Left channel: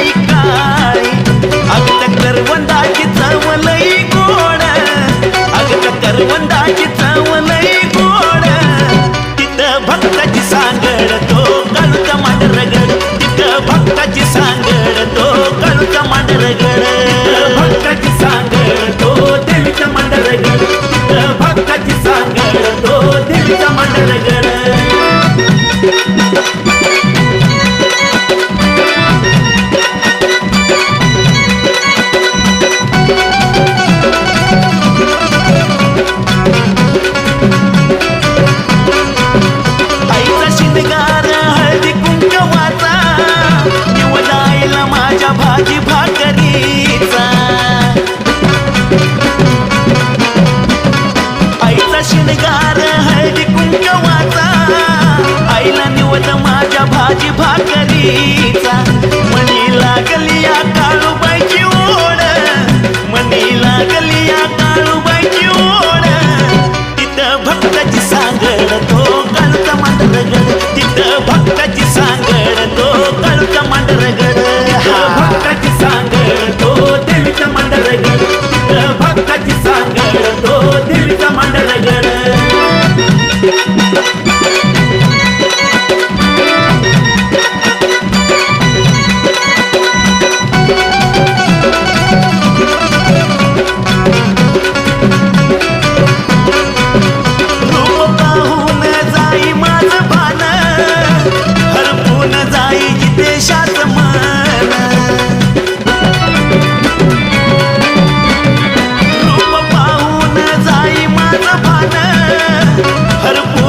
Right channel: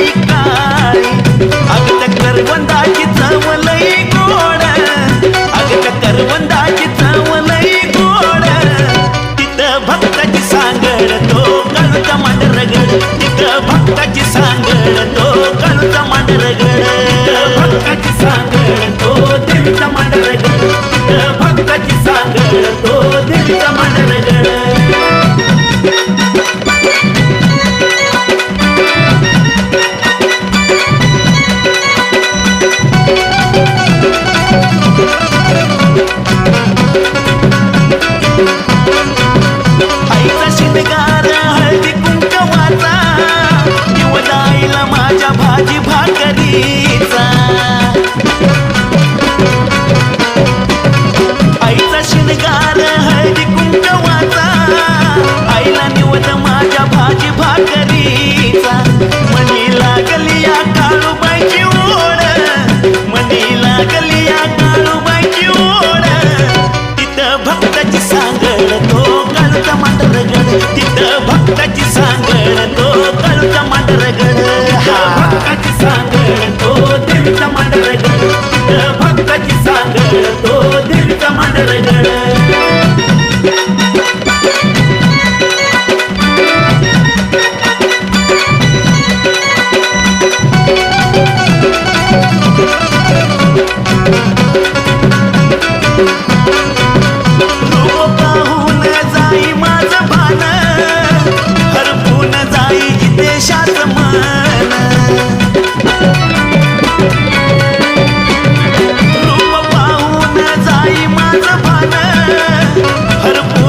लई काळी अगद करवंदाची चव लई जेवण माझ्या भाजी भाकरीचा. मनी लागली आता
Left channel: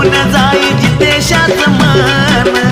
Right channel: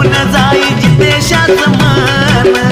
होऊन जाई जितेशाच मन